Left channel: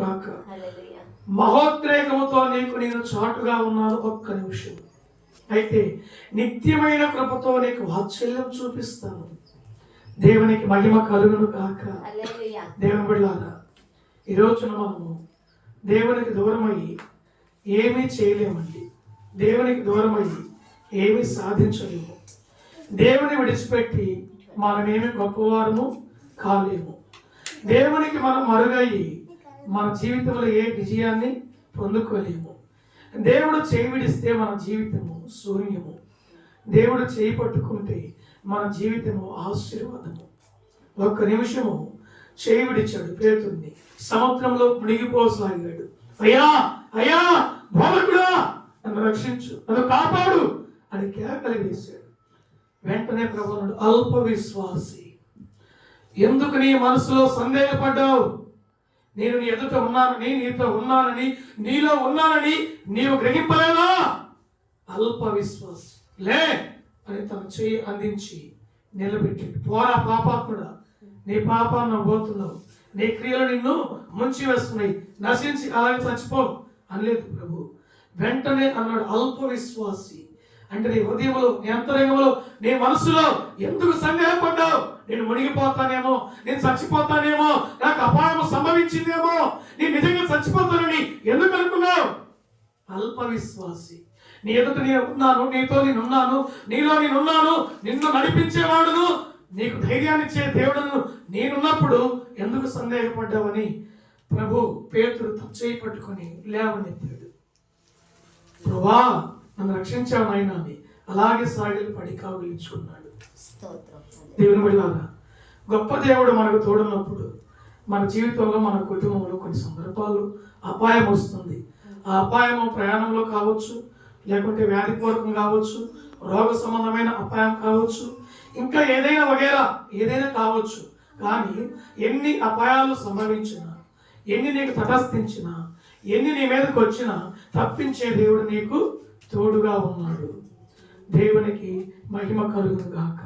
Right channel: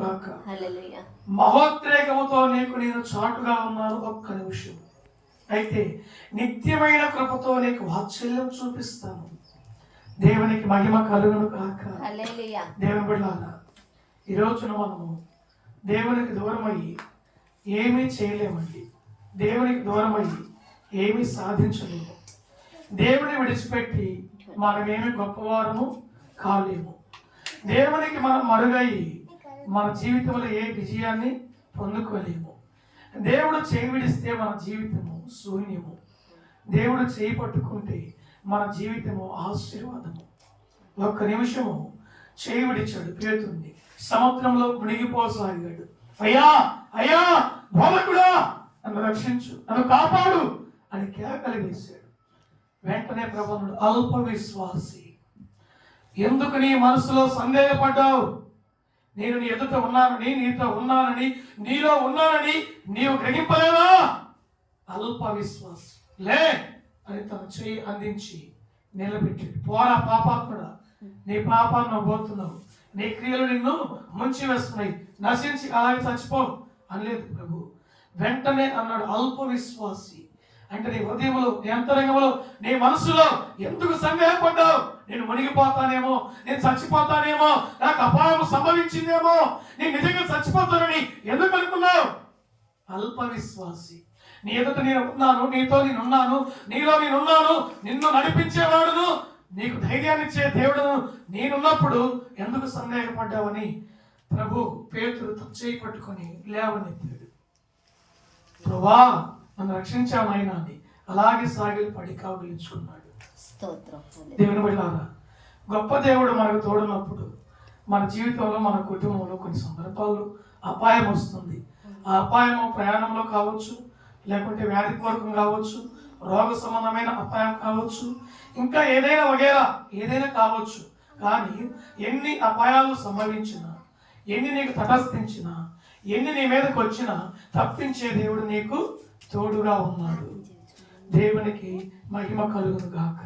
గాక. మహోద్రేకముతో నేను చాటుగా ఉన్నాను. ఒక్క నిమిషం. అయితే నిత్యమైన కృపతో నీకు వాత్సల్యం చూపిస్తాను. దేవునికి మహిమ కలుగును గాక. దేవుని బిడ్డలారా, ఈ రోజున మనము దేవునికి దూరమయ్యి ఏమీ చేయలేమండి. దేవునికి దూరమయ్యి ఏమీ సాధించలేము. దేవుని విడిచిపెట్టి మనమేమి గొప్పవారము కాలేము. దేవునికి మనం మరుగయ్యి మన జీవితంలో ఏ విజయాన్ని పొందుకోలేము. దేవుడు చేయి విడిస్తే మన జీవితము శూన్యము. దేవుడు చేయి పట్టుకుంటే మన జీవితము ఆశీర్వాదము. ఒక్క నిమిషము చేయి విడిచాడు పేతుర్ని, సముద్రంలో మునిగిపోసాగాడు. అయ్యా అయ్యా బోధకుడా, నన్ను రక్షించు, నన్ను కాపాడు అని కేకలు వేశాడు. వెంటనే ప్రభువుడు, అల్ప విశ్వాసి, ఎందుకు నీ మనసులో సందేహపడ్డావు? నేను నీ ఎదుట ఉన్నానని, నీతో ఉన్నానని, నీలో ఉన్నానని నీవు గ్రహింపలేవా? అల్ప విశ్వాసి, లే అని తన చేయి అందించి నిలబెట్టాడు. పోరా పాపాత్ముడా, నీ పాపాన్ని పోతున్నావు, నీ క్రియలు నిన్ను ముంచి వేస్తున్నాయి, నశించి అలాగే చచ్చిపో అనలేదు ప్రభు. వెంటనే అన్నాడు, అల్ప విశ్వాసి అంటే నీ హృదయంలో, నీ అంతరంగంలో, నీ మనసులో ఎందుకు సందేహపడ్డావు? నేను మునిగిపోతానేమో, నేను చచ్చిపోతానేమో, నాకు అపాయం సంభవించిందేమో, నేను నిజంగా చచ్చిపోతానని ఎందుకు అనుకున్నావు? అల్ప విశ్వాసి. నీ ఎదుట నేను ఉన్నాను, నీతో నేనున్నాను, నీలో నేనున్నాను, నిన్ను నడిపించేవాడును, నీకు ధైర్యాన్ని ఇచ్చే దేవుడును నేనున్నప్పుడు ఎందుకు సందేహపడ్డావని ప్రభు పేతురు చేయి పట్టుకొని లేవనెత్తాడు. ప్రభువా, నన్ను రక్షించావు నాయనా అని అలాగే సాగిలి పడి కావలించుకున్నాడు. దేవుని బిడ్డలారా, గొప్ప దేవుడు మనకు తోడున్నప్పుడు మన జీవితంలో, మన కుటుంబంలో కొన్ని సందర్భాలు అపాయం వస్తుంది. ఆ అపాయము ప్రయాణంలో కావచ్చు, లేకుంటే వ్యాధిపూర్వకం కావచ్చు, రోగ సంబంధమైన అపాయం కావచ్చు, ఇంకా ఏదైనా వగేరా ఏదైనా కావచ్చు. కానీ ఎన్ని అపాయాలు సంభవించినా, ఎన్ని నీకు తటస్థించినా, ఎన్ని నీ మీదకి వచ్చినా తప్పించే దేవుడు నీకు తోడుగా ఉన్నాడు. దేవునికి మహిమ కలుగును గాక.